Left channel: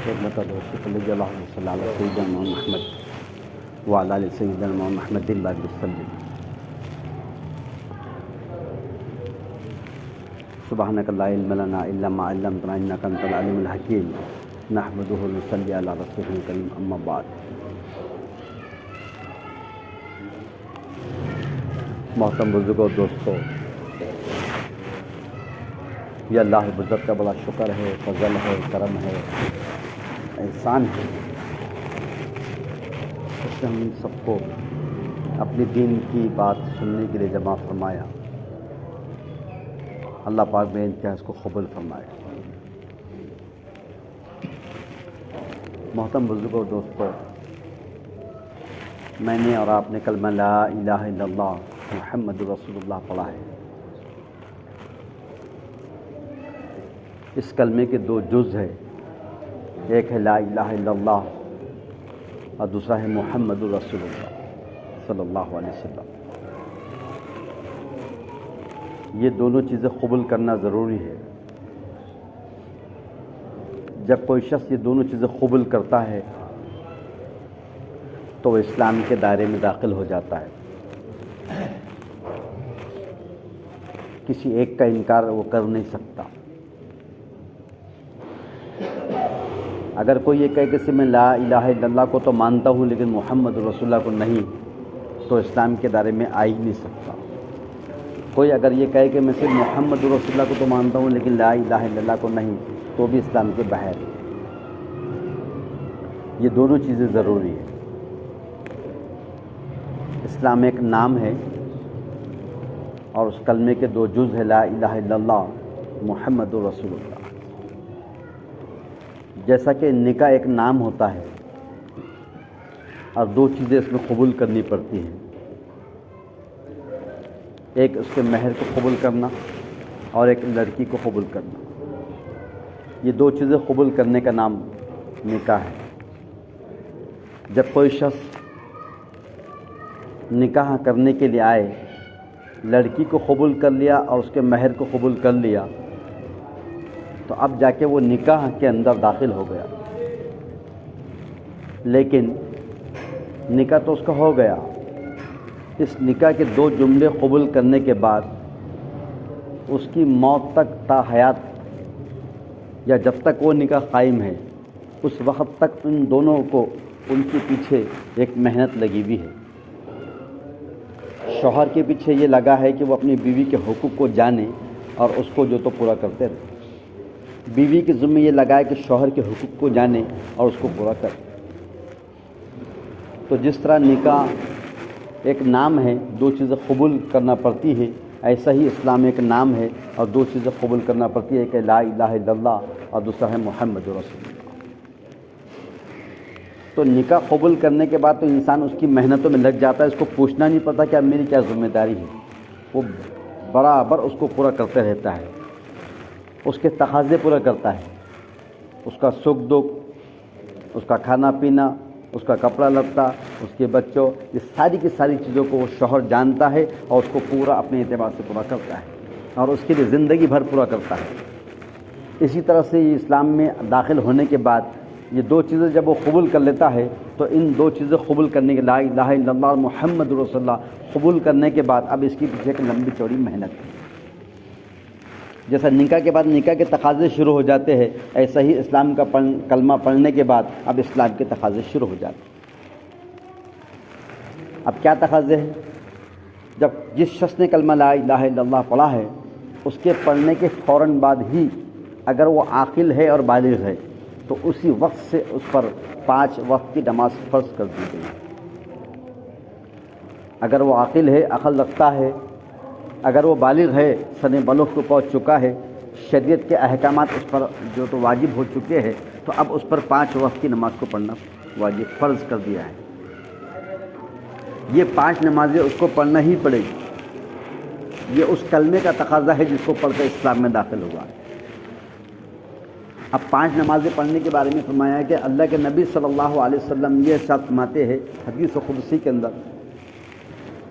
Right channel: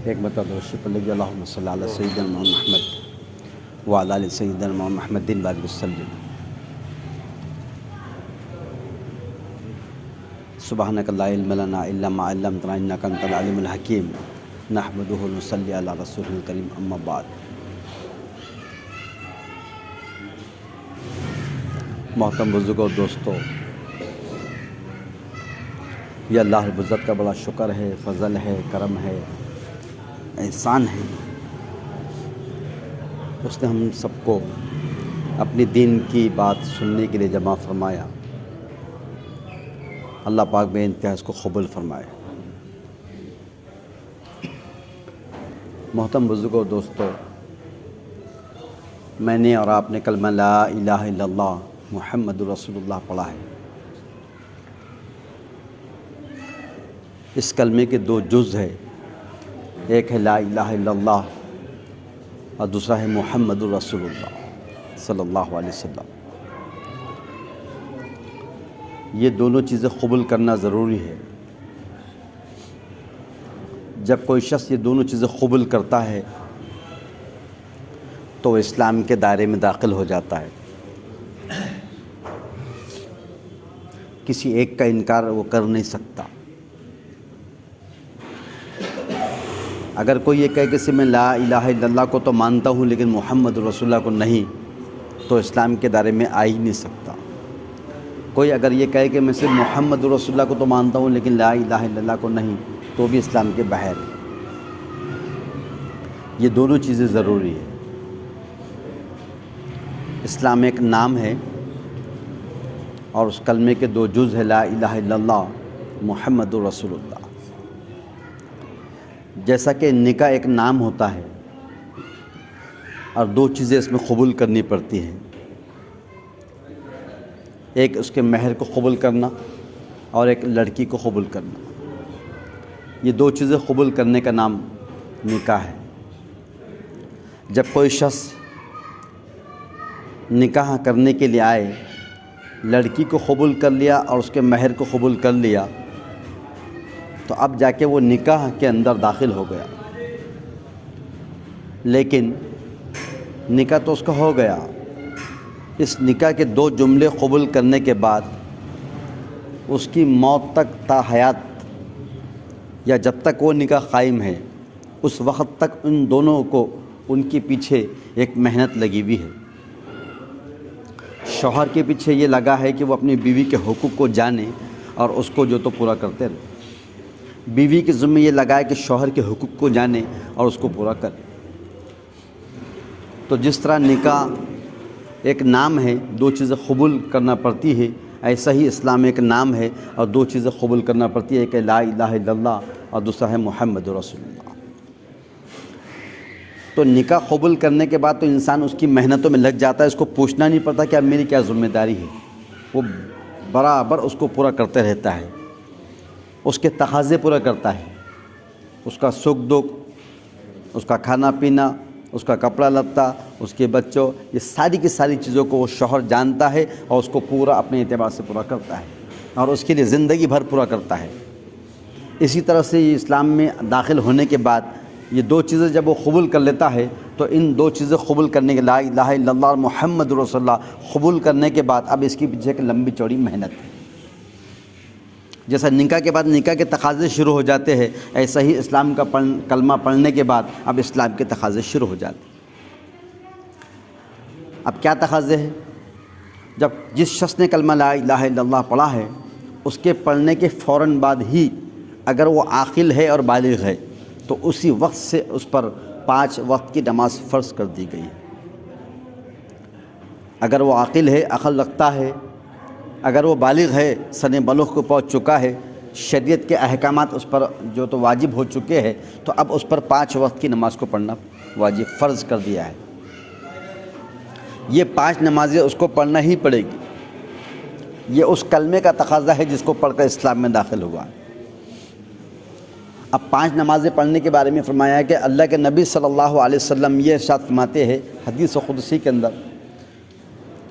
ایک مرتبہ شکر لگی اللہم صلی علی سیدنا محمد وعلی آل سیدنا محمد دن بار وسلم. سبحانک لا علم لنا الا ما علمتنا انک انت العلیم الحکیم. نحمدہ و نصلی علی رسولہ الکریم. اما بعد. محترم بزرگوں اور دوستوں، یہ اللہ رب العزت کا بڑا شکر ہے، فضل ہے، کرم ہے، احسان ہے. اس نے ہم سب کو اپنی دین کی بات سننے کے لیے جمع فرمایا. اللہ پاک بے انتہا اس کو قبول فرمائے. محترم بزرگوں اور دوستوں، میں نے اور آپ نے کلمہ لا الہ الا اللہ محمد رسول اللہ پڑھا ہے. اس کلمے کے دو جز ہیں، ایک ہے لا الہ الا اللہ اور دوسرا ہے محمد رسول اللہ صلی اللہ علیہ وسلم. یہ دونوں چیزیں قبول کرنا ضروری ہے. جب کوئی شخص یہ دونوں چیزیں قبول کرتا ہے تو اسلام کے دائرے میں داخل ہو جاتا ہے. کسی ایک کا انکار وہ کر نہیں سکتا. اگر کوئی یہ کہے کہ میں لا الہ الا اللہ کو تو مانتا ہوں لیکن محمد رسول اللہ کو نہیں، تو اسلام کے دائرے میں آ ہی نہیں سکتا. کوئی اگر یہ کہے کہ میں صرف محمد رسول اللہ کو تو مانتا ہوں لیکن لا الہ الا اللہ کو نہیں، تو بھی اسلام کے باہر ہے. یہ دونوں چیزیں ضروری ہیں. اسلام ایک نام ہے اور اس کلمے کے دو جز ہے، لا الہ الا اللہ محمد رسول اللہ. جیسا کہ نکاح ایک نام ہوتا ہے اور دو چیزیں اس میں قبول کرنی پڑتی ہیں، ایک اس کے مہر کو قبول کرنا اور ایک لڑکی کو قبول کرنا. یہ دو چیزیں قبول کرنے کا نام نکاح ہے. جب کوئی شخص نکاح کرنے کے لیے آئے، لڑکی کو قبول کر لیا اور اس کے مہر کو قبول کر لیا، تو اب جا کے وہ نکاح کے اندر داخل ہو گیا. لیکن نکاح تو اس کا ہو گیا. اس نکاح کے دو جملے قبول کرنے کے بعد اس کی موت تک تا حیات، یا جب تک وہ نکاح قائم ہے اس وقت تک ان دونوں کو ان کے پیچھے ایک محنت لگی ہوئی ہے. شوہر کے پیچھے یہ لگا ہے کہ وہ اپنی بیوی کے حقوق کو جانے اور اس کو جو تو پورا کرتے رہے. بیوی کے ذمہ یہ لگا ہے کہ شوہر کے حقوق کو جانے اور اس کو پورا کرے. تو جس طرح نکاح ایک نام ہے، دو چیزیں قبول کرنا پڑتی ہے، ایسا ہی اسلام ایک نام ہے اور دو چیزیں قبول کرنا پڑتی ہے، کہ لا الہ الا اللہ اور دوسرا ہے محمد رسول اللہ. تو نکاح قبول کرنے کے بعد تو انسان اس کی محنتوں میں لگ جاتا ہے. اس کو پوچھنا نہیں پڑتا کہ اب میری کیا ذمہ داری ہے. وہ برابر اس کو پورا کرتے رہتا ہے، اس کے تقاضے پورا کرتا ہے. اس کا سکھ دکھ، اس کا کھانا پینا، اس کا کپڑا لتا، اس کے بچوں، یہ ساری کی ساری چیزوں کو وہ شوہر جانتا ہے اور اس کو پورا اپنے اعتبار سے پورا کرتا ہے اور اس کے لیے زندگی بھر پورا کرتا ہے. اسی طرح سے یہ اسلام میں داخل ہونے کے بعد یہ دو چیزیں جب وہ قبول کر لیتا ہے، تو ان دو چیزیں قبول کرنے کے، لا الہ الا اللہ محمد رسول اللہ قبول کرنے کے بعد اب اس کے پیچھے ایک لمبی چوڑی محنت ہے. جیسا نکاح کے بعد نکاح کے تقاضے شروع ہو جاتے ہیں، ایسا ہی اسلام کا کلمہ پڑھنے کے بعد اب اسلام کے تقاضے شروع ہو جاتے ہیں. اب کیا تقاضے ہیں؟ جب جس شخص نے کلمہ لا الہ الا اللہ پڑھا ہے، اس کے پڑھنے کے فوراً بعد ہی اگر وہ عاقل ہے اور بالغ ہے تو اسی وقت سے اس پر 5 وقت کی نماز فرض کر دی گئی. اگر وہ عاقل ہے، عقل رکھتا ہے، اگر وہ بالغ ہے، سن بلوغ کو پہنچ چکا ہے، شریعت کے احکامات اس پر جو تو واجب ہو چکے ہیں، تو اب اس پر 5 وقت کی نماز کو پڑھنا واجب فرض کر دیا ہے. یہ 5 نمازیں اس کو پڑھنا ہی پڑے گی. یہ اس کلمے کا تقاضا ہے جس کو پڑھ کر اسلام میں داخل ہوا. اب 5 نمازیں پڑھنے کے بارے میں فرمایا ہے کہ اللہ کے نبی صلی اللہ علیہ وسلم یہ ارشاد فرماتے ہیں حدیث قدسی کے اندر.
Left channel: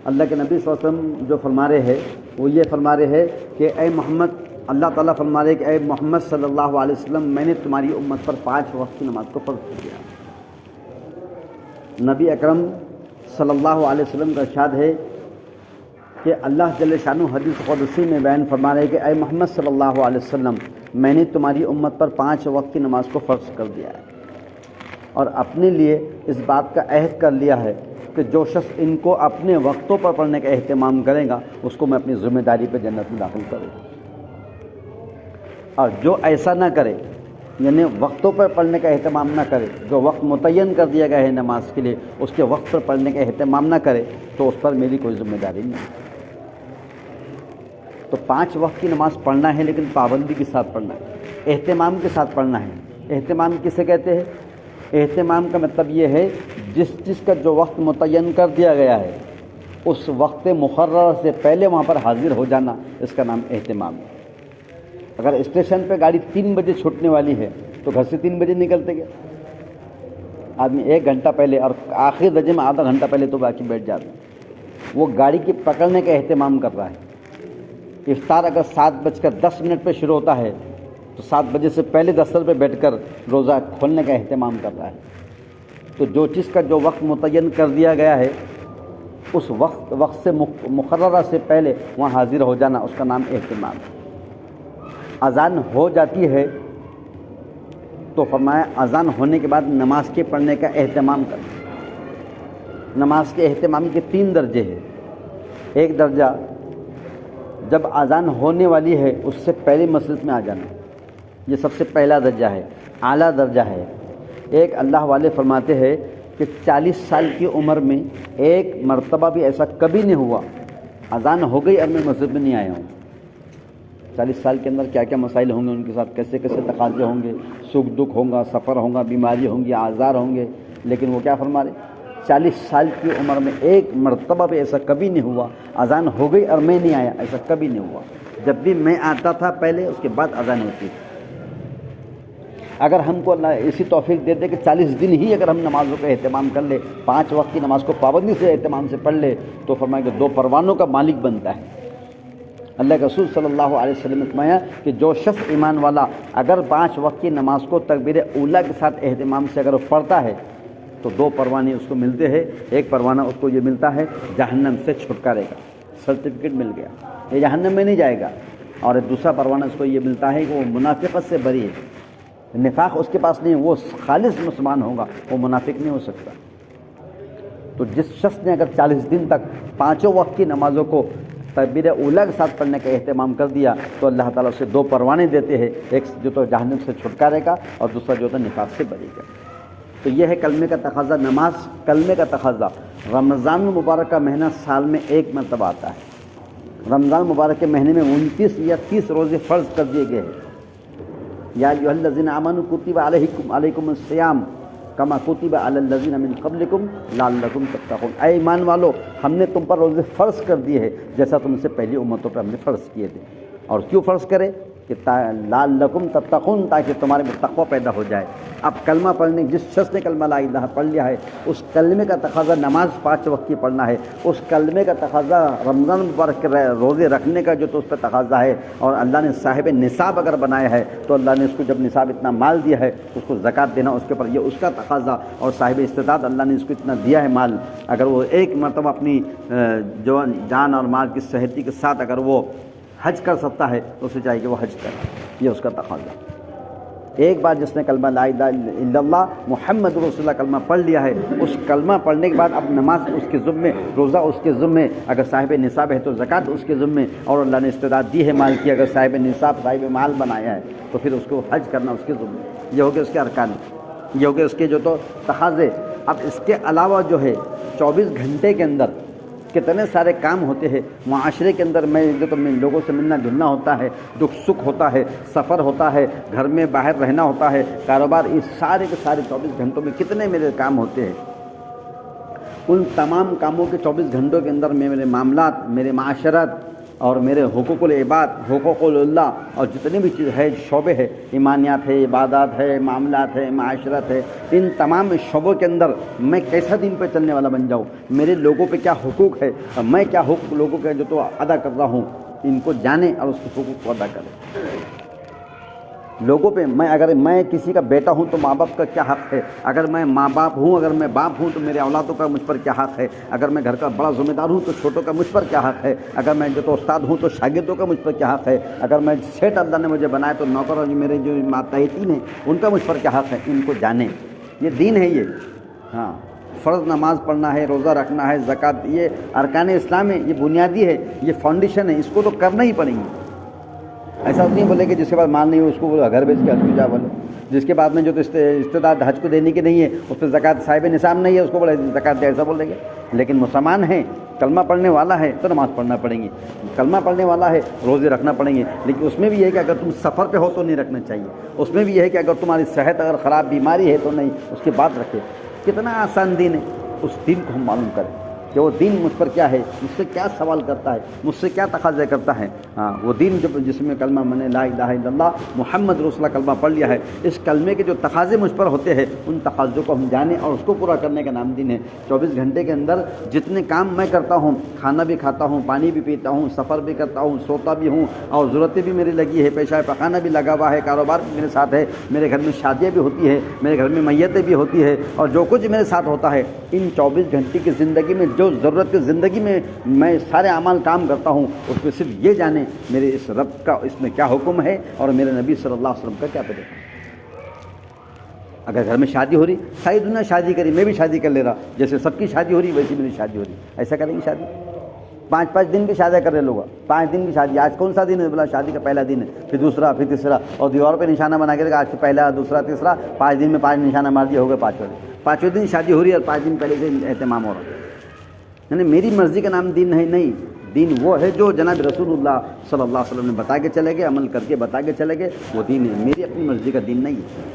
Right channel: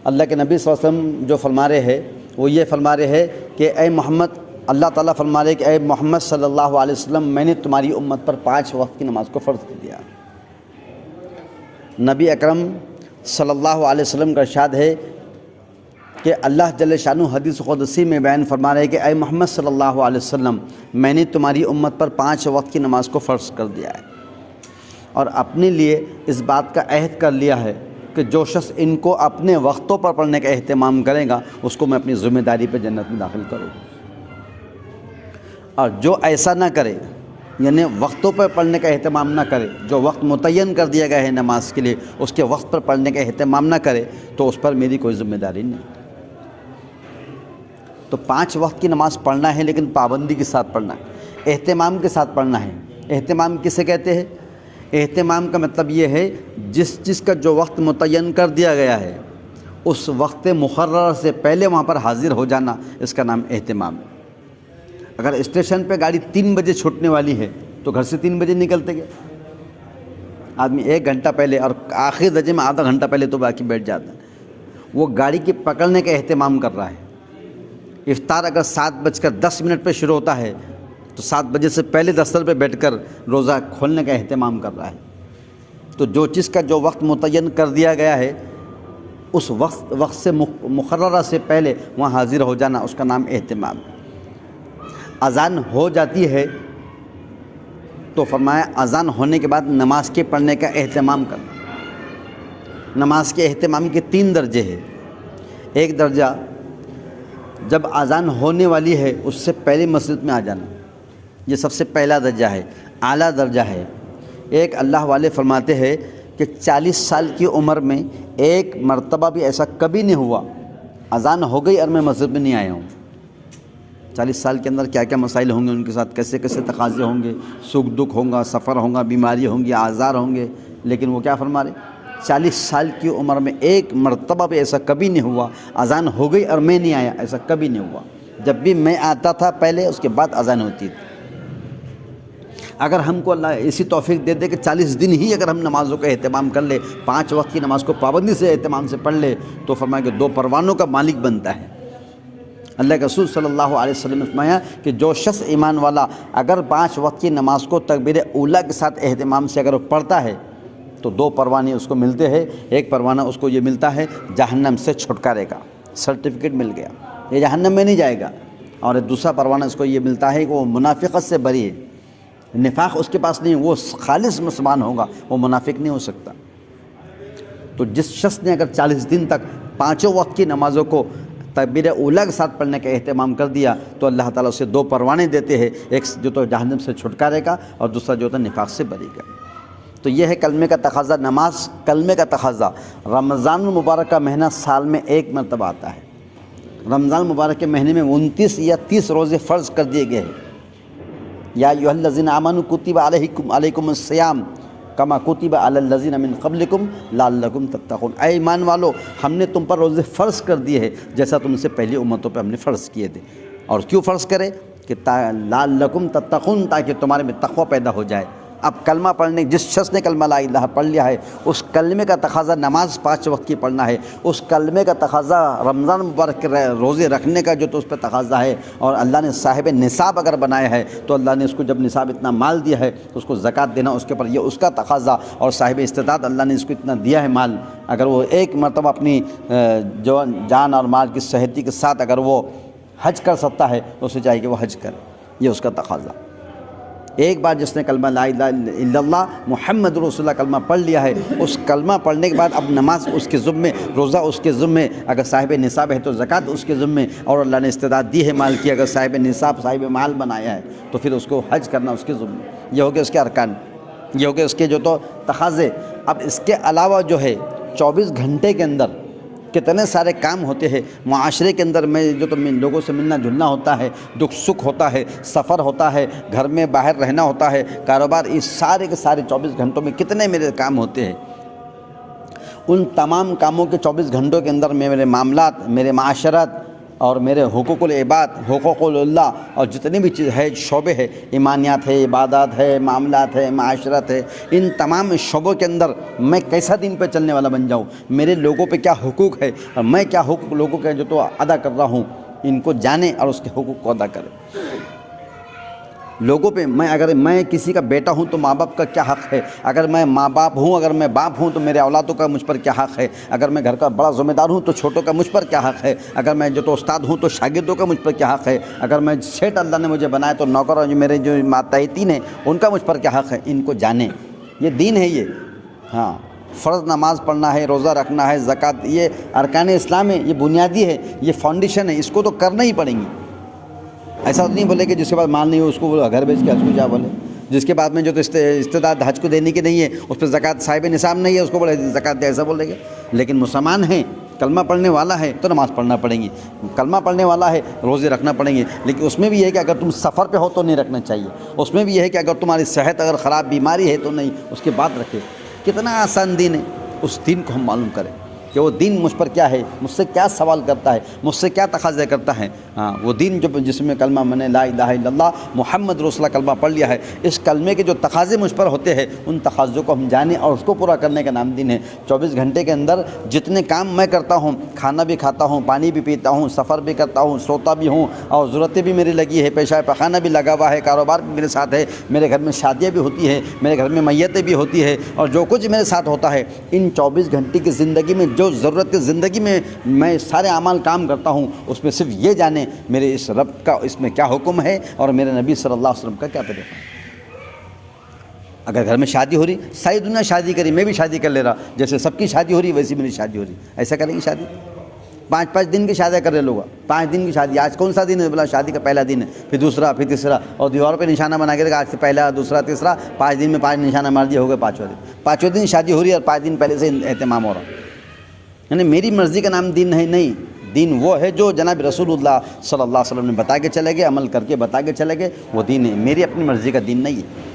اللہ کے نبی صلی اللہ علیہ وسلم جو فرما رہے ہیں وہ یہ فرما رہے ہیں کہ اے محمد، اللہ تعالیٰ فرما رہے کہ اے محمد صلی اللہ علیہ وسلم میں نے تمہاری امت پر 5 وقت کی نماز کو فرض کر دیا۔ نبی اکرم صلی اللہ علیہ وسلم کا ارشاد ہے کہ اللہ جل شانہ حدیث قدسی میں بیان فرما رہے کہ اے محمد صلی اللہ علیہ وسلم میں نے تمہاری امت پر 5 وقت کی نماز کو فرض کر دیا ہے، اور اپنے لیے اس بات کا عہد کر لیا ہے کہ جو شخص ان کو اپنے وقتوں پر پڑھنے کا اہتمام کرے گا اس کو میں اپنی ذمہ داری پہ جنت میں داخل کروں گا، اور جو ایسا نہ کرے یعنی وقتوں پر پڑھنے کا اہتمام نہ کرے، جو وقت متعین کر دیا گیا ہے نماز کے لیے اس کے وقت پر پڑھنے کا اہتمام نہ کرے تو اس پر میری کوئی ذمہ داری نہیں۔ تو 5 وقت کی نماز پڑھنا ہے لیکن پابندی کے ساتھ پڑھنا ہے، اہتمام کے ساتھ پڑھنا ہے۔ اہتمام کسے کہتے ہیں؟ اہتمام کا مطلب یہ ہے جس چیز کا جو وقت متعین کر دیا گیا ہے اس وقت مقرر سے پہلے وہاں پر حاضر ہو جانا، اس کا نام اہتمام۔ اگر اسٹیشن پہ گاڑی 3 بجے چھوٹنے والی ہے تو گھر سے 3 بجے نکلتے گئے، آدمی 1 گھنٹہ پہلے اور آخری درجے میں آدھا گھنٹہ پہلے تو باقی بیٹھ جاتا ہے، وہ گاڑی کی پکڑنے کا اہتمام کر رہا ہے۔ افطار اگر 7:10 پہ شروع ہوتا ہے تو 7 بجے سے پہلے دفتر پہ بیٹھ کر روزہ کھولنے کا اہتمام کر رہا ہے۔ تو جو چیز کا جو وقت متعین کر دیا گیا ہے اس وقت سے مقررہ سے پہلے وہاں حاضر ہو جانا، اس کا نام اہتمام ہے۔ اذان ہو جاتی ہے تو فرمایا اذان ہونے کے بعد نماز کے پڑھنے کا اہتمام کرنا۔ نماز کے اہتمام کے 3 درجے ہیں۔ ایک درجہ جب اذان ہونے والی ہے اس سے پہلے مسجد میں آ جانا، یہ سب سے پہلا درجہ ہے، اعلیٰ درجہ ہے۔ ایک اللہ والے فرماتے ہیں کہ 40 سال کی عمر میں ایک مرتبہ بھی ایسا کبھی نہیں ہوا اذان ہو گئی اور میں مسجد میں نہیں آیا ہوں۔ 40 سال کے اندر کیا کیا مسائل ہوں گے ان کے ساتھ، کیسے کیسے تقاضے ہوں گے، سکھ دکھ ہوگا، سفر ہوگا، بیماری ہوں گی، آزار ہوں گے، لیکن وہ کیا فرما رہے 40 سال کی عمر میں ایک مرتبہ بھی ایسا کبھی نہیں ہوا اذان ہو گئی اور میں نہیں آیا، ایسا کبھی نہیں ہوا۔ جب بھی میں آتا تھا پہلے اس کے بعد اذان ہوتی تھی۔ اگر ہم کو اللہ ایسی توفیق دے دے کہ 40 دن ہی اگر ہم نمازوں کا اہتمام کر لے، 5 وقت کی نماز کو پابندی سے اہتمام سے پڑھ لے تو فرمایا کہ 2 پروانوں کا مالک بنتا ہے۔ اللہ کے رسول صلی اللہ علیہ وسلم نے فرمایا کہ جو شخص ایمان والا اگر 5 وقت کی نماز کو تکبیر اولیٰ کے ساتھ اہتمام سے اگر وہ پڑھتا ہے تو 2 پروانے اس کو ملتے ہیں۔ ایک پروانہ اس کو یہ ملتا ہے جہنم سے چھٹکارے کا، سرٹیفکیٹ مل گیا، یہ جہنم میں نہیں جائے گا، اور دوسرا پروانہ اس کو یہ ملتا ہے کہ وہ منافقت سے بری ہے، نفاق اس کے پاس نہیں، وہ خالص مسلمان ہوگا، وہ منافق نہیں ہو سکتا۔ تو جس شخص نے اگر 40 دن تک 5 وقت کی نمازوں کو تکبیر اولیٰ کے ساتھ پڑھنے کا اہتمام کر دیا تو اللہ تعالیٰ اسے 2 پروانے دیتے ہیں، ایک جو تو جہنم سے چھٹکارے کا اور دوسرا جو تو نفاق سے بری کا۔ تو یہ ہے کلمے کا تقاضا، نماز کلمے کا تقاضا۔ رمضان المبارک کا مہینہ سال میں 1 مرتبہ آتا ہے۔ رمضان مبارک کے مہینے میں 29 یا 30 روزے فرض کر دیے گئے ہیں۔ یا ایھا الذین آمنوا کتب علیکم الصیام کما کتب علی الذین من قبلکم لعلکم تتقون۔ اے ایمان والو ہم نے تم پر روزے فرض کر دیے ہیں جیسا تم سے پہلی امتوں پہ ہم نے فرض کیے تھے۔ اور کیوں فرض کرے کہ لعلکم تتقون، تاکہ تمہارے میں تقوی پیدا ہو جائے۔ اب کلمہ پڑھنے، جس شخص نے کلمہ لا الہ پڑھ لیا ہے اس کلمے کا تقاضا نماز 5 وقت کی پڑھنا ہے، اس کلمے کا تقاضا رمضان مبارک کے روزے رکھنے کا جو تو اس پہ تقاضا ہے، اور اللہ نے صاحب نصاب اگر بنایا ہے تو اللہ نے اس کو جب نصاب اتنا مال دیا ہے اس کو زکوٰۃ دینا اس کے اوپر، یہ اس کا تقاضا، اور صاحب استطاعت اللہ نے اس کو اتنا دیا ہے مال، اگر وہ ایک مرتبہ اپنی جو جان اور مال کی صحتی کے ساتھ اگر وہ حج کر سکتا ہے اسے چاہیے کہ وہ حج کرے، یہ اس کا تقاضا۔ ایک بار جس نے کلمہ لا الہ الا اللہ محمد رسول اللہ کلمہ پڑھ لیا ہے، اس کلمہ پڑھنے کے بعد اب نماز اس کے ذمے، روزہ اس کے ذمے، اگر صاحب نصاب ہے تو زکوٰۃ اس کے ذمے، اور اللہ نے استطاعت دی ہے مال کی، اگر صاحب نصاب صاحب مال بنایا ہے تو پھر اس کو حج کرنا اس کے ذمے۔ یہ ہو گیا اس کے ارکان، یہ ہو گیا اس کے جو تو تقاضے۔ اب اس کے علاوہ جو ہے 24 گھنٹے کے اندر کتنے سارے کام ہوتے ہیں معاشرے کے اندر، میں جو تو لوگوں سے ملنا جلنا ہوتا ہے، دکھ سکھ ہوتا ہے، سفر ہوتا ہے، گھر میں باہر رہنا ہوتا ہے، کاروبار، اس سارے کے سارے 24 گھنٹوں میں کتنے میرے کام ہوتے ہیں۔ ان تمام کاموں کے 24 گھنٹوں کے اندر میرے معاملات، میرے معاشرت اور میرے حقوق العباد، حقوق اللہ اور جتنی بھی چیز ہے، شعبے ہے، ایمانیات ہے، عبادات ہے، معاملات ہے، معاشرت ہے، ان تمام شعبوں کے اندر میں کیسا دین پہ چلنے والا بن جاؤں، میرے لوگوں پہ کیا حقوق ہے اور میں کیا حقوق لوگوں کے جو تو ادا کر رہا ہوں، ان کو جانے اور اس کے حقوق کو ادا کرے. لوگوں پہ اگر میں کسی کا بیٹا ہوں تو ماں باپ کا کیا حق ہے, اگر میں ماں باپ ہوں, اگر میں باپ ہوں تو میرے اولادوں کا مجھ پر کیا حق ہے, اگر میں گھر کا بڑا ذمہ دار ہوں تو چھوٹوں کا مجھ پر کیا حق ہے, اگر میں جو تو استاد ہوں تو شاگردوں کا مجھ پر کیا حق ہے, اگر میں سیٹ اللہ نے مجھے بنایا تو نوکر اور میرے جو ماتحتین ہیں ان کا مجھ پر کیا حق ہے. ان کو جانیں, یہ دین ہے یہ. ہاں, فرض نماز پڑھنا ہے, روزہ رکھنا ہے, زکوٰۃ, یہ ارکان اسلام ہے, یہ بنیادی ہے, یہ فاؤنڈیشن ہے, اس کو تو کرنا ہی پڑیں گی. ایسا نہیں بولے کہ جس کے بعد مال نہیں ہو اس کو بولے گھر بیچ کے حج کو جا بولے, جس کے بعد میں جو تو استعداد حج کو دینے کی نہیں ہے اس پہ زکوٰۃ صاحب نصاب نہیں ہے اس کو بولے زکوٰۃ دے, ایسا بولے گے. لیکن مسلمان ہیں, کلمہ پڑھنے والا ہے تو نماز پڑھنا پڑیں گی, کلمہ پڑھنے والا ہے روزے رکھنا پڑیں گے. لیکن اس میں بھی یہ ہے کہ اگر تم سفر پہ ہو تو نہیں رکھنا چاہیے, اس میں بھی یہ ہے کہ اگر تمہاری صحت اگر خراب بیماری ہے تو نہیں, اس کے بعد رکھے. کتنا آسان دین ہے. اس دین کو ہم معلوم کریں کہ وہ دین مجھ پر کیا ہے, مجھ سے کیا سوال کرتا ہے, مجھ سے کیا تقاضے کرتا ہے. ہاں, وہ دین جو جس میں کلمہ میں نے لا الہ الا اللہ محمد رسول اللہ کلمہ پڑھ لیا ہے, اس کلمے کے جو تقاضے مجھ پر ہوتے ہیں ان تقاضوں کو ہم جانیں اور اس کو پورا کرنے کا نام دین ہے. 24 گھنٹے کے اندر جتنے کام میں کرتا ہوں, کھانا بھی کھاتا ہوں, پانی بھی پیتا ہوں, سفر بھی کرتا ہوں, سوتا بھی ہوں, اور ضرورتیں بھی میری لگی ہے, پیشہ پخانہ بھی لگا ہوا ہے, کاروبار بھی میرے ساتھ ہے, میرے گھر میں شادیاں بھی ہوتی ہے, میرے گھر میں میتیں بھی ہوتی ہے, اور جو کچھ میرے ساتھ ہوتا ہے ان 24 گھنٹے کی زندگی میں جو ضرورت زندگی میں سارے اعمال کام کرتا ہوں, اس میں صرف یہ جانیں میرے اس رب کا اس میں کیا حکم ہے اور میرے نبی صلی اللہ علیہ وسلم کا کیا طریقہ ہے. اگر گھر میں شادی ہو رہی, ساری دنیا شادی کری, میں بھی شادی کر لے رہا, جیسے سب کی شادی ہو رہی ویسی میری شادی ہو رہی, ایسا کریں گی شادی؟ 5 دن کی شادیاں کر رہے لوگ, 5 دن کی شادی. آج کون سا دن ہے؟ بولا شادی کا پہلا دن ہے, پھر دوسرا, پھر تیسرا, اور دیوار پہ نشانہ بنا کے رکھا, آج سے پہلا, دوسرا, تیسرا, 5 دن میں 5 نشانہ مار دیا, ہو گئے 5ویں دن شادی ہو رہی ہے اور 5 دن پہلے سے اہتمام ہو رہا. یعنی میری مرضی کا نام دین نہیں. دین وہ ہے جو جناب رسول اللہ صلی اللہ علیہ وسلم نے بتا کے چلے گئے, عمل کر کے بتا کے چلے گئے, وہ دین ہے. میری اپنی مرضی کا دین نہیں ہے.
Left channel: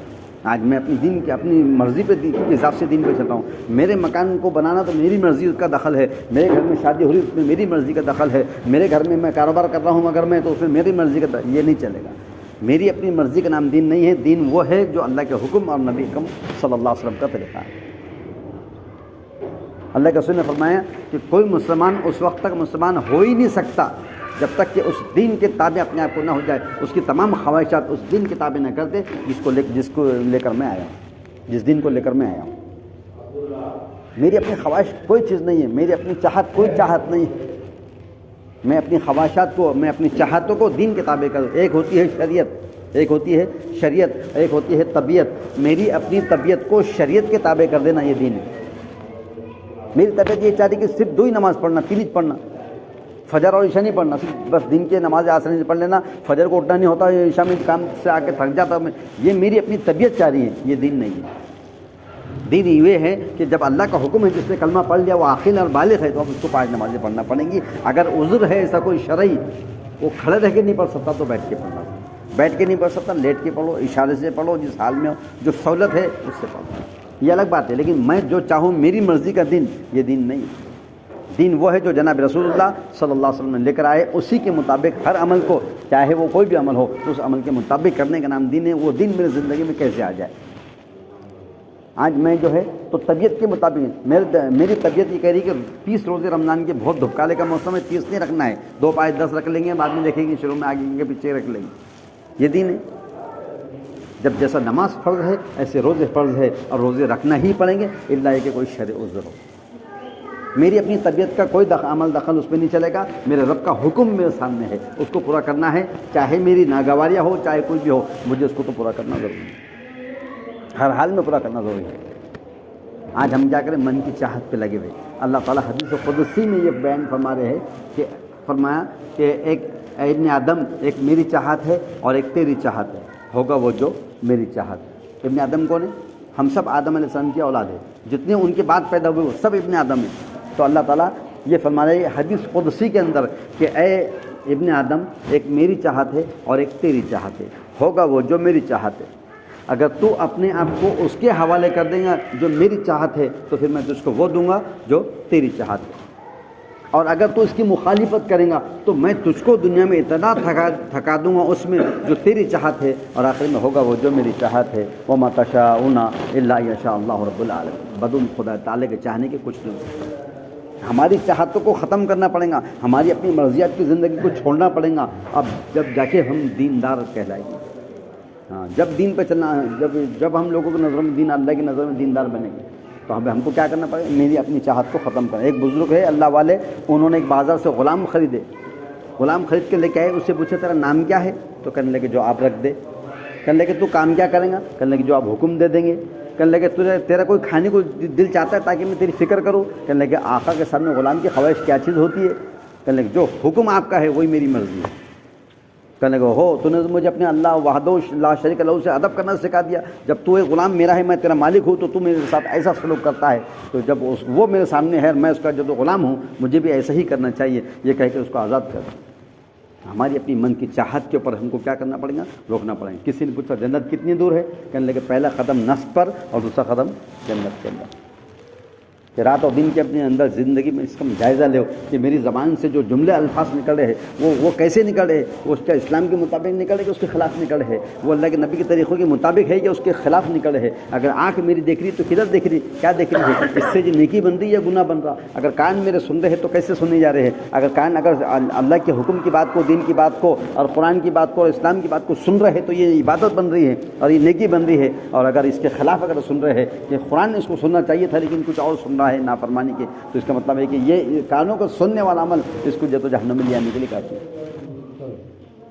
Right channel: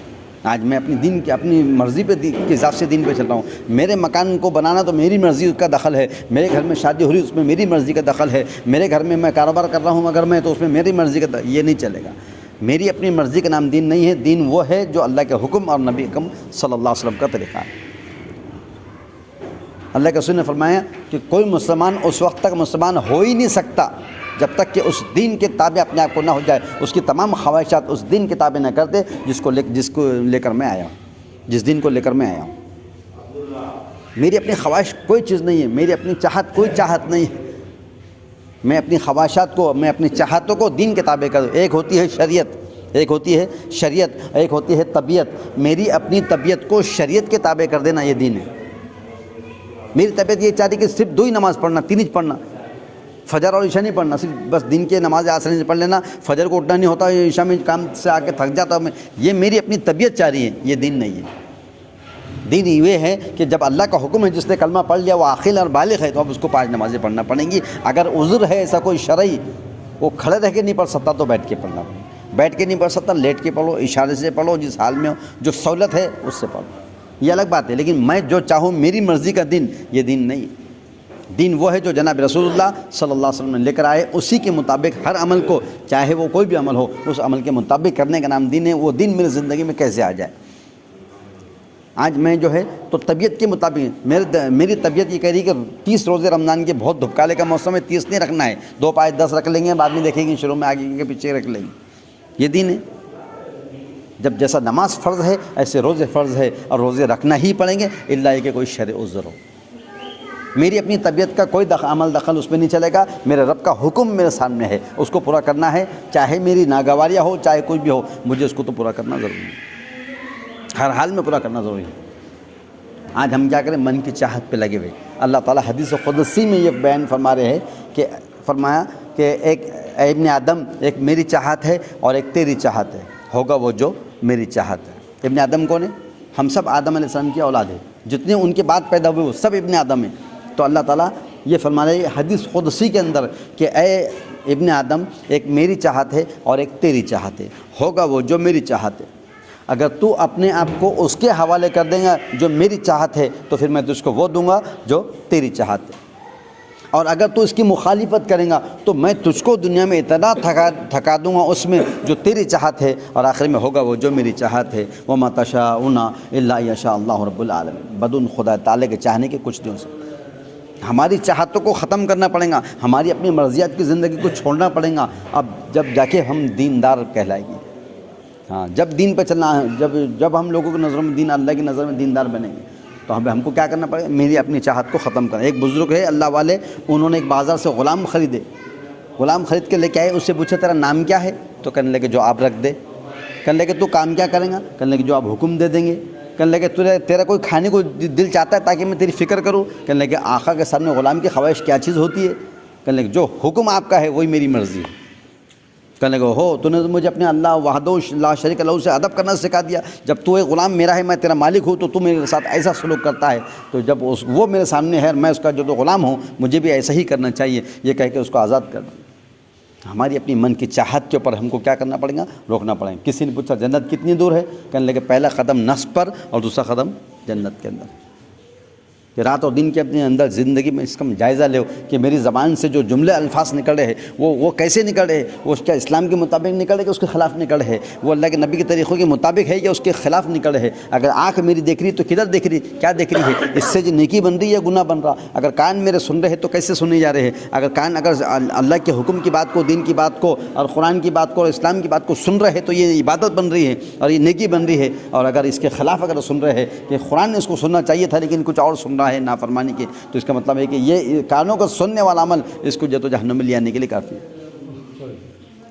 آج میں اپنی دین کی اپنی مرضی پہ کے حساب سے دین پہ چلتا ہوں. میرے مکان کو بنانا تو میری مرضی کا دخل ہے, میرے گھر میں شادی ہو رہی اس میں میری مرضی کا دخل ہے, میرے گھر میں کاروبار کر رہا ہوں اگر میں تو اس میں میری مرضی کا یہ نہیں چلے گا. میری اپنی مرضی کا نام دین نہیں ہے. دین وہ ہے جو اللہ کے حکم اور نبی اکرم صلی اللہ علیہ وسلم کا طریقہ ہے. اللہ کے رسول نے فرمایا کہ کوئی مسلمان اس وقت تک مسلمان ہو ہی نہیں سکتا جب تک کہ اس دین کے تابع اپنے آپ کو نہ ہو جائے, اس کی تمام خواہشات اس دین کے تابع نہ کر دے جس کو لے کر میں آیا ہوں, جس دین کو لے کر میں آیا ہوں. میری اپنی خواہش کوئی چیز نہیں ہے, میری اپنی چاہت کوئی چاہت نہیں ہے. میں اپنی خواہشات کو, میں اپنی چاہتوں کو دین کے تابع کر دوں. ایک ہوتی ہے شریعت, ایک ہوتی ہے شریعت, ایک ہوتی ہے طبیعت. میری اپنی طبیعت کو شریعت کے تابع کر دینا یہ دین ہے. میری طبیعت یہ چاہتی کہ صرف 2 ہی نماز پڑھنا, 3 ہی پڑھنا, فجر اور عشاء نہیں پڑھنا, صرف بس دن کے نماز آسانی سے پڑھ لینا, فجر کو اٹھنا نہیں ہوتا, عشاء میں کام سے آ کے تھک جاتا میں. یہ میری اپنی طبیعت چاہ رہی ہے, یہ دین نہیں ہے. دین یہ ہے کہ جب اللہ کا حکم ہے, جس نے کلمہ پڑھ لیا وہ عاقل اور بالغ ہے, تو اب اس کو 5 نمازیں پڑھنا پڑیں گی. اگر عذر ہے ایسا کوئی شرعی, وہ کھڑے رہ کے نہیں پڑھ سکتا تو بیٹھ کے پڑھنا, بیٹھ کے نہیں پڑھ سکتا لیٹ کے پڑھو, اشارے سے پڑھو, جس حال میں ہو, جو سہولت ہے اس سے پڑھو, یہ الگ بات ہے. لیکن میں جو چاہوں میری مرضی کا دین, یہ دین نہیں. دین وہ ہے جو جناب رسول اللہ صلی اللہ علیہ وسلم نے لے کر آئے, اسی کے مطابق ہر عمل کو, چاہے وہ کوئی بھی عمل ہو, اس عمل کے مطابق کرنے کا نام دین ہے. وہ دین میری زندگی میں کیسے آ جائے. آج میں جو ہے تو طبیعت کے مطابق, میری طبیعت یہ کہہ رہی کہ 30 روزے رمضان کے بہت دھپکالے کا موسم ہے, 30 نہیں رکھنا ہے, 2 5 10 رکھ لیں گے, بعد میں دیکھیں گے شروع میں آگے کے پیچھے رکھ لیں گے. یہ دین ہے. جب جیسا نماز فرض ہے ایسے روزے فرض ہے, اور روزے رکھنا ہی پڑیں گے الا کہ کوئی شرع عذر ہو. میری اپنی طبیعت کا کوئی عمل دخل اس میں نہیں چلے گا. میرے رب کا حکم میرے سامنے ہے, اس کو پورا کرنا ہے, چاہے میری ناگواریاں ہو, چاہے کوئی بھی ہو, مجھے اس کو تو پورا کرنا ضروری ہے, ہر حال میں پورا کرنا ضروری ہے. آج ہم کیا کریں, من کی چاہت پہ لگے ہوئے. اللہ تعالیٰ حدیث قدسی میں یہ بیان فرما رہے ہیں کہ فرمایا کہ ایک ابن آدم, ایک میری چاہت ہے اور ایک تیری چاہت ہے, ہوگا وہ جو میری چاہت ہے. ابن آدم کون ہے؟ ہم سب آدم علیہ السلام کی اولاد ہے, جتنے ان کے بعد پیدا ہوئے وہ سب ابن آدم ہیں. تو اللہ تعالیٰ یہ فرما رہے ہیں حدیث قدسی کے اندر کہ اے ابن آدم, ایک میری چاہت ہے اور ایک تیری چاہت ہے, ہوگا وہ جو میری چاہت ہے. اگر تو اپنے آپ کو اس کے حوالے کر دیں گا جو میری چاہت ہے, تو پھر میں تجھ کو وہ دوں گا جو تیری چاہت ہے. اور اگر تو اس کی مخالفت کریں گا تو میں تجھ کو دنیا میں اتنا تھکا دوں گا اس میں جو تیری چاہت ہے, اور آخر میں ہوگا وہ جو میری چاہت ہے. وَمَا تَشَاءُونَ إِلَّا يَشَاءَ اللَّهُ رَبُّ الْعَالَمِينَ. بدون خدا تعالی کے چاہنے کے کچھ نہیں ہو سکتا. ہماری چاہتوں کو ختم کرنا پڑے گا، ہماری اپنی مرضیات کی زندگی کو چھوڑنا پڑے گا، اب جب جا کے ہم دیندار کہلائیں گے۔ ہاں، جب دین پہ چلنا ہے، جب ہم لوگوں کی نظروں میں دین، اللہ کی نظر میں دیندار بنیں گے، تو ہم کو کیا کرنا پڑے گا؟ میری اپنی چاہت کو ختم کرنا۔ ایک بزرگ ہے اللہ والے، انہوں نے ایک بازار سے غلام خریدے، غلام خرید کے لے کے آئے، اس سے پوچھا تیرا نام کیا ہے؟ تو کہنے لگے جو آپ رکھ دے۔ کہنے لگے تو کام کیا کریں گا؟ کہنے لگے جو آپ حکم دے دیں گے۔ کہنے لگے تیرا کوئی کھانے کو دل چاہتا ہے تاکہ میں تیری فکر کروں؟ کہنے لگے آقا کے سامنے غلام کی خواہش کیا چیز ہوتی ہے؟ کہنے لگے جو حکم آپ کا ہے وہی میری مرضی ہے۔ کہنے لگے ہو تو نے تو مجھے اپنے اللہ وحدہ لا شریک لہ سے ادب کرنا سکھا دیا، جب تو ایک غلام میرا ہے، میں تیرا مالک ہوں، تو تو میرے ساتھ ایسا سلوک کرتا ہے، تو جب وہ میرے سامنے ہے، میں اس کا جو تو غلام ہوں، مجھے بھی ایسا ہی کرنا چاہیے، یہ کہہ کے اس کو آزاد کر دیں۔ ہماری اپنی من کی چاہت کے اوپر ہم کو کیا کرنا پڑے گا؟ روکنا پڑے گا۔ کسی نے پوچھا جنت کتنی دور ہے؟ کہنے لگے پہلا قدم نفس پر اور دوسرا قدم جنت کے اندر۔ کہ رات اور دن کے اپنے اندر زندگی میں اس کا جائزہ لو کہ میری زبان سے جو جملے الفاظ نکل رہے ہیں وہ کیسے نکل رہے ہیں؟ وہ اس کا اسلام کے مطابق نکل رہے کہ اس کے خلاف نکل رہے ہیں؟ وہ اللہ کے نبی کے طریقوں کے مطابق ہے یا اس کے خلاف نکل رہے ہیں؟ اگر آنکھ میری دیکھ رہی تو کدھر دیکھ رہی، کیا دیکھ رہی ہے؟ اس سے جو نیکی بن رہی ہے یا گناہ بن رہا؟ اگر کان میرے سن رہے ہیں تو کیسے سننے جا رہے ہیں؟ اگر کان اگر اللہ کے حکم کی بات کو، دین کی بات کو اور قرآن کی بات کو اور اسلام کی بات کو سن رہے ہیں تو یہ عبادت بن رہی ہے اور یہ نیکی بن رہی ہے۔ اور اگر اس کے خلاف اگر سن رہے ہیں کہ قرآن نے اس کو سننا چاہیے تھا لیکن کچھ اور سن رہا ہے نافرمانی کے، تو اس کا مطلب ہے کہ یہ کانوں کا سننے والا عمل اس کو جہنم میں لے آنے کے لیے کافی ہے۔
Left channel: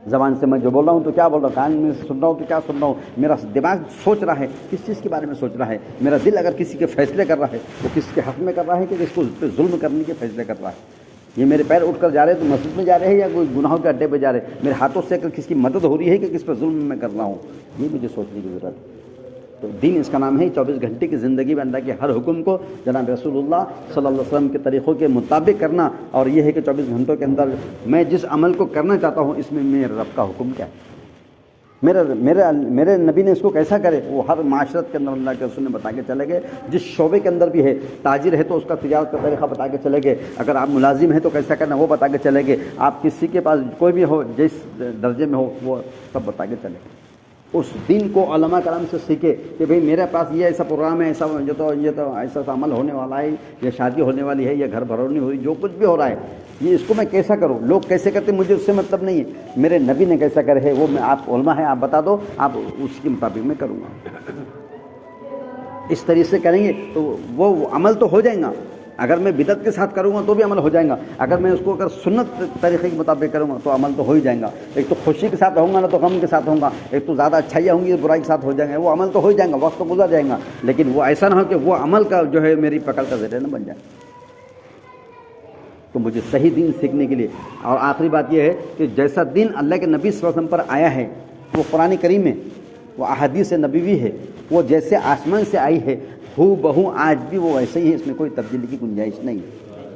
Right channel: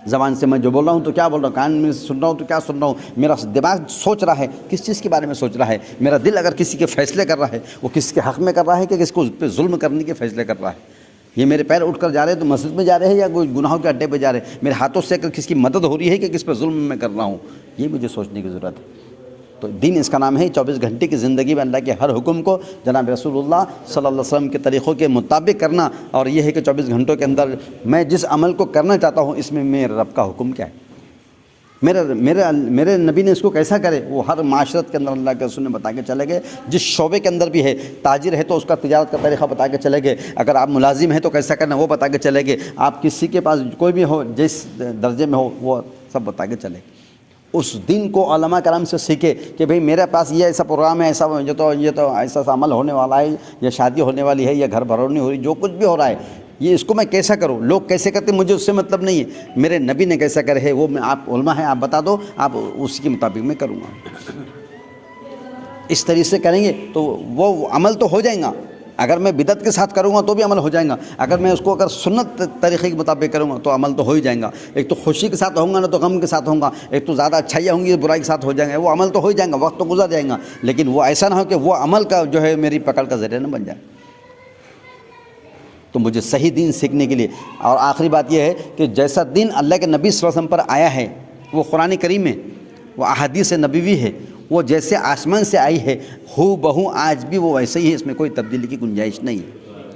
زبان سے میں جو بول رہا ہوں تو کیا بول رہا ہوں، کان میں سے سن رہا ہوں تو کیا سن رہا ہوں، میرا دماغ سوچ رہا ہے کس چیز کے بارے میں سوچ رہا ہے، میرا دل اگر کسی کے فیصلے کر رہا ہے وہ کس کے حق میں کر رہا ہے کہ کس کو پہ ظلم کرنے کے فیصلے کر رہا ہے۔ یہ میرے پیر اٹھ کر جا رہے ہیں تو مسجد میں جا رہے ہیں یا کوئی گناہوں کے اڈے پہ جا رہے ہیں، میرے ہاتھوں سے اگر کس کی مدد ہو رہی ہے کہ کس پہ ظلم میں کر رہا ہوں، یہ مجھے سوچنے کی ضرورت ہے۔ تو دین اس کا نام ہے 24 گھنٹے کی زندگی میں اللہ کے ہر حکم کو جناب رسول اللہ صلی اللہ علیہ وسلم کے طریقوں کے مطابق کرنا، اور یہ ہے کہ 24 گھنٹوں کے اندر میں جس عمل کو کرنا چاہتا ہوں اس میں میرے رب کا حکم کیا ہے، میرے نبی نے اس کو کیسا کرے، وہ ہر معاشرت کے اندر اللہ کے رسول نے بتا کے چلے گئے۔ جس شعبے کے اندر بھی ہے، تاجر ہے تو اس کا تجارت کا طریقہ بتا کے چلے گئے، اگر آپ ملازم ہیں تو کیسا کرنا وہ بتا کے چلے گئے، آپ کسی کے پاس کوئی بھی ہو جس درجے میں ہو وہ سب بتا کے چلے۔ اس دین کو علماء کرام سے سیکھے کہ بھئی میرے پاس یہ ایسا پروگرام ہے، ایسا یہ تو ایسا عمل ہونے والا ہے، یا شادی ہونے والی ہے، یا گھر بھرونی ہو رہی، جو کچھ بھی ہو رہا ہے، یہ اس کو میں کیسا کروں، لوگ کیسے کرتے مجھے اس سے مطلب نہیں ہے، میرے نبی نے کیسا کرے ہے وہ میں، آپ علماء ہیں آپ بتا دو، آپ اس کے مطابق میں کروں گا۔ اس طریقے سے کریں گے تو وہ عمل تو ہو جائے گا، اگر میں بدعت کے ساتھ کروں گا تو بھی عمل ہو جائے گا، اگر میں اس کو اگر سنت طریقے کے مطابق کروں گا تو عمل تو ہو ہی جائے گا۔ ایک تو خوشی کے ساتھ ہوں گا نہ تو غم کے ساتھ ہوں گا، ایک تو زیادہ اچھائیاں ہوں گی برائی کے ساتھ ہو جائیں گے، وہ عمل تو ہو ہی جائے گا، وقت تو گزر جائے گا، لیکن وہ ایسا نہ ہو کہ وہ عمل کا جو ہے میری پکڑ کا ذریعہ نہ بن جائے۔ تو مجھے صحیح دین سیکھنے کے لیے، اور آخری بات یہ ہے کہ جیسا دین اللہ کے نبی صلی اللہ علیہ وسلم پر آیا ہے وہ قرآن کریم ہے، وہ احادیث نبوی ہے، وہ جیسے آسمان سے آئی ہے ہو بہو آج بھی وہ ویسے ہی ہے، اس میں کوئی تبدیلی کی گنجائش نہیں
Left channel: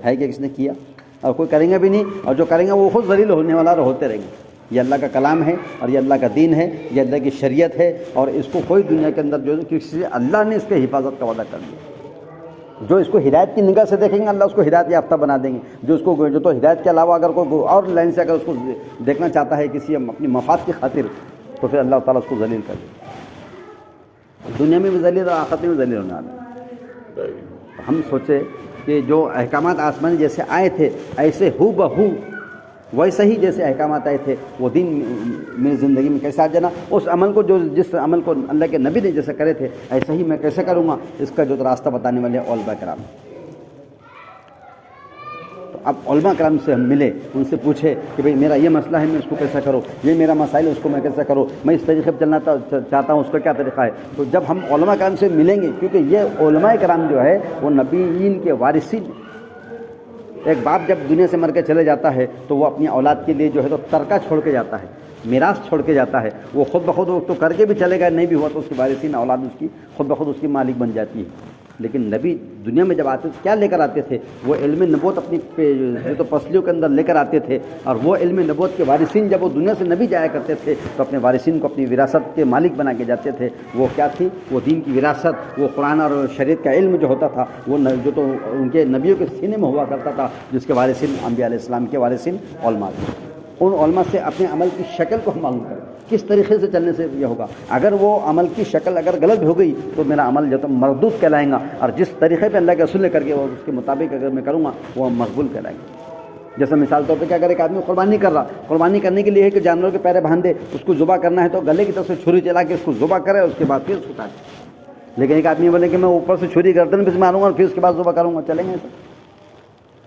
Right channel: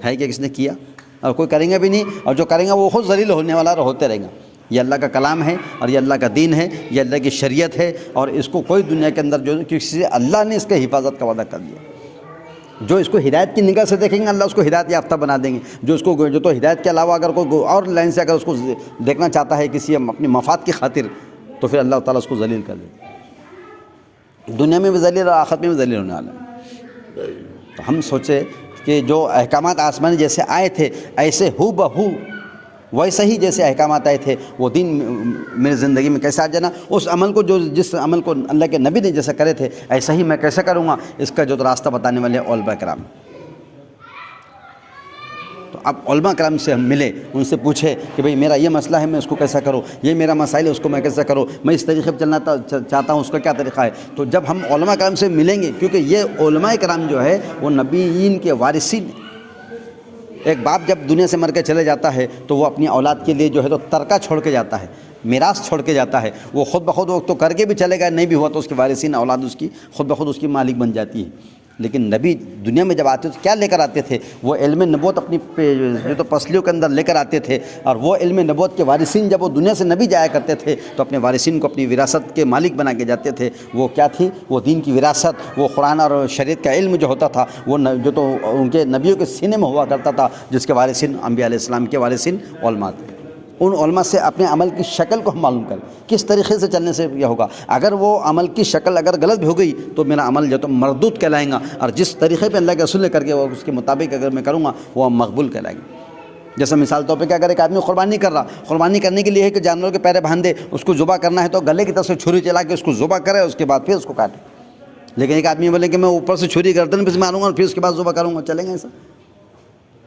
ہے کہ کس نے کیا اور کوئی کریں گا بھی نہیں، اور جو کریں گا وہ خود ذلیل ہونے والا اور ہوتے رہیں گے۔ یہ اللہ کا کلام ہے اور یہ اللہ کا دین ہے، یہ اللہ کی شریعت ہے، اور اس کو کوئی دنیا کے اندر جو کسی اللہ نے اس کا حفاظت کا وعدہ کر دیا۔ جو اس کو ہدایت کی نگاہ سے دیکھیں گے اللہ اس کو ہدایت یافتہ بنا دیں گے، جو تو ہدایت کے علاوہ اگر کوئی اور لائن سے اگر اس کو دیکھنا چاہتا ہے کسی اپنی مفاد کی خاطر تو پھر اللہ تعالیٰ اس کو ذلیل کر دے، دنیا میں بھی ذلیل اور آخرت میں بھی ذلیل ہونے والا۔ تو ہم سوچے کہ جو احکامات آسمانی جیسے آئے تھے ایسے ہو بہو ویسے ہی جیسے احکامات آئے تھے وہ دین میری زندگی میں کیسا آ جانا، اس عمل کو جس عمل کو اللہ کے نبی نے جیسا کرے تھے ایسا ہی میں کیسے کروں گا، اس کا جو راستہ بتانے والے علماء کرام۔ تو اب علماء کرام سے ہم ملے، ان سے پوچھے کہ بھئی میرا یہ مسئلہ ہے میں اس کو کیسا کروں، یہ میرا مسائل ہے اس کو میں کیسا کروں، میں اس طریقے پہ چلنا چاہتا ہوں اس کا کیا طریقہ ہے۔ تو جب ہم علماء کرام سے ملیں گے، کیونکہ یہ علماء کرام جو ہے وہ نبیین کے وارثین، ایک باپ جب دنیا سے مر کے چلے جاتا ہے تو وہ اپنی اولاد کے لیے جو ہے تو ترکہ چھوڑ کے جاتا ہے، میراث چھوڑ کے جاتا ہے، وہ خود بخود وہ تو کر کے بھی چلے گئے، نہیں بھی ہوا تو اس کے وارثین اولاد اس کی خود بخود اس کی مالک بن جاتی ہے۔ لیکن نبی دنیا میں جب آتے تو کیا لے کر آتے تھے، وہ علم نبوت اپنی تو پسلیوں کے اندر لے کر آتے تھے، اور وہ علم نبوت کے وارثین جب وہ دنیا سے نبی جایا کرتے تھے تو اپنے وارثین کو اپنی وراثت کے مالک بنا کے جاتے تھے۔ وہ کیا تھی، وہ دین کی وراثت، وہ قرآن اور شریعت کا علم جو ہوتا تھا وہ جو تو ان کے نبیوں کے سینے میں ہوا کرتا تھا، جس کے وارثین انبیاء علیہ السلام کے وارثین علماء تھے۔ ان علماء سے اپنے عمل کی شکل کو معلوم کریں، کس طریقے سے چلنے سے یہ ہوگا. اگر وہ عمل کی شکل اگر غلط بھی ہو گئی تو میرا عمل جو تو مردود کہلائیں گا، اور جس طریقے پہ اللہ کے رسول نے کر کے وہ اس کے مطابق اگر میں کروں گا وہ مقبول کہلائیں گے. جیسے مثال طور پہ کہ اگر ایک آدمی قربانی کر رہا، قربانی کرنے کے لیے ہے کہ جانوروں کے پیرے باندھ دے، اس کو ذبح کرنا ہے تو گلے کی طرف سے چھری چلا کے اس کو ذبح کرے، اس کے بعد پھر اس کو کاٹے. لیکن ایک آدمی بولے کہ میں اوپر سے چھری گردن پہ سے ماروں گا اور پھر اس کے بعد ذبح کروں گا، چلیں گے ایسا؟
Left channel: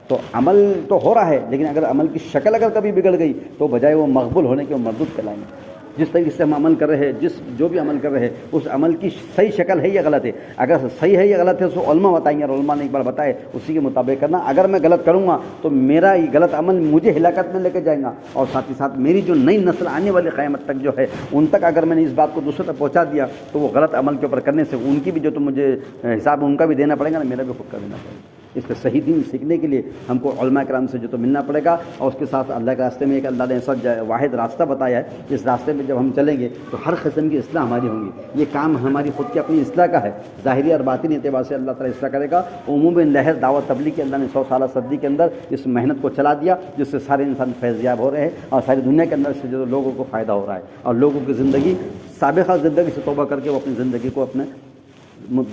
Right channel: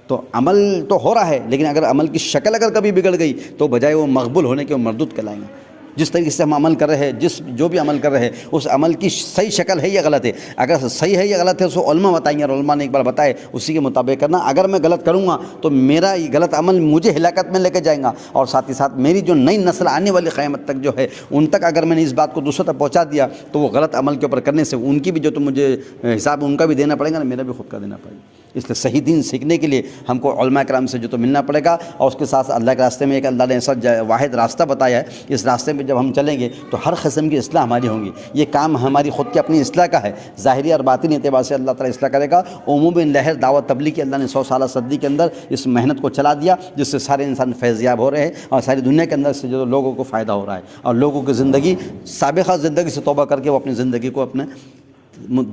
تو عمل تو ہو رہا ہے، لیکن اگر عمل کی شکل اگر کبھی بگڑ گئی تو بجائے وہ مقبول ہونے کے وہ مردود کہلائیں گے. جس طریقے سے ہم عمل کر رہے ہیں، جو بھی عمل کر رہے ہیں اس عمل کی صحیح شکل ہے یا غلط ہے. اگر صحیح ہے یا غلط ہے اس کو علماء بتائیں گے، اور علماء نے ایک بار بتائے اسی کے مطابق کرنا. اگر میں غلط کروں گا تو میرا یہ غلط عمل مجھے ہلاکت میں لے کے جائیں گا، اور ساتھ ہی ساتھ میری جو نئی نسل آنے والی قیامت تک جو ہے ان تک اگر میں نے اس بات کو دوسروں تک پہنچا دیا تو وہ غلط عمل کے اوپر کرنے سے ان کی بھی جو تو مجھے حساب ان کا بھی دینا پڑے گا، میرا بھی خود کا دینا پڑے گا. اس لیے صحیح دین سیکھنے کے لیے ہم کو علماء کرام سے جو تو ملنا پڑے گا، اور اس کے ساتھ اللہ کے راستے میں ایک اللہ نے ایسا واحد راستہ بتایا ہے. اس راستے میں جب ہم چلیں گے تو ہر قسم کی اصلاح ہماری ہوں گی. یہ کام ہماری خود کی اپنی اصلاح کا ہے، ظاہری اور باطنی اعتبار سے اللہ تعالیٰ اصلاح کرے گا. عمومی لہر دعوت تبلیغ کی اللہ نے 100 سالہ صدی کے اندر اس محنت کو چلا دیا، جس سے سارے انسان فیضیاب ہو رہے ہیں، اور ساری دنیا کے اندر سے جو لوگوں کو فائدہ ہو رہا ہے، اور لوگوں کی زندگی سابقہ زندگی سے توبہ کر کے وہ اپنی زندگی کو اپنے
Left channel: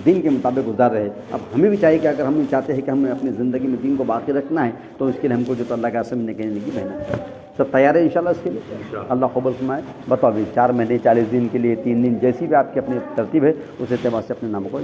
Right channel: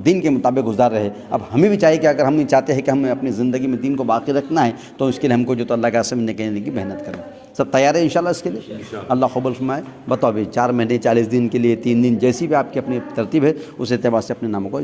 دین کے مطابق گزار رہے. اب ہمیں بھی چاہیے کہ اگر ہم چاہتے ہیں کہ ہمیں اپنی زندگی میں دین کو باقی رکھنا ہے تو اس کے لیے ہم کو جو تو اللہ کا راستے میں نکلنے کی محنت کریں. سب تیار ہے انشاءاللہ اس کے لیے؟ اللہ قبول فرمائے. بتاؤ ابھی 4 مہینے 40 دن کے لیے 3 دن جیسی بھی آپ کی اپنی ترتیب ہے اس اعتبار سے اپنے ناموں کو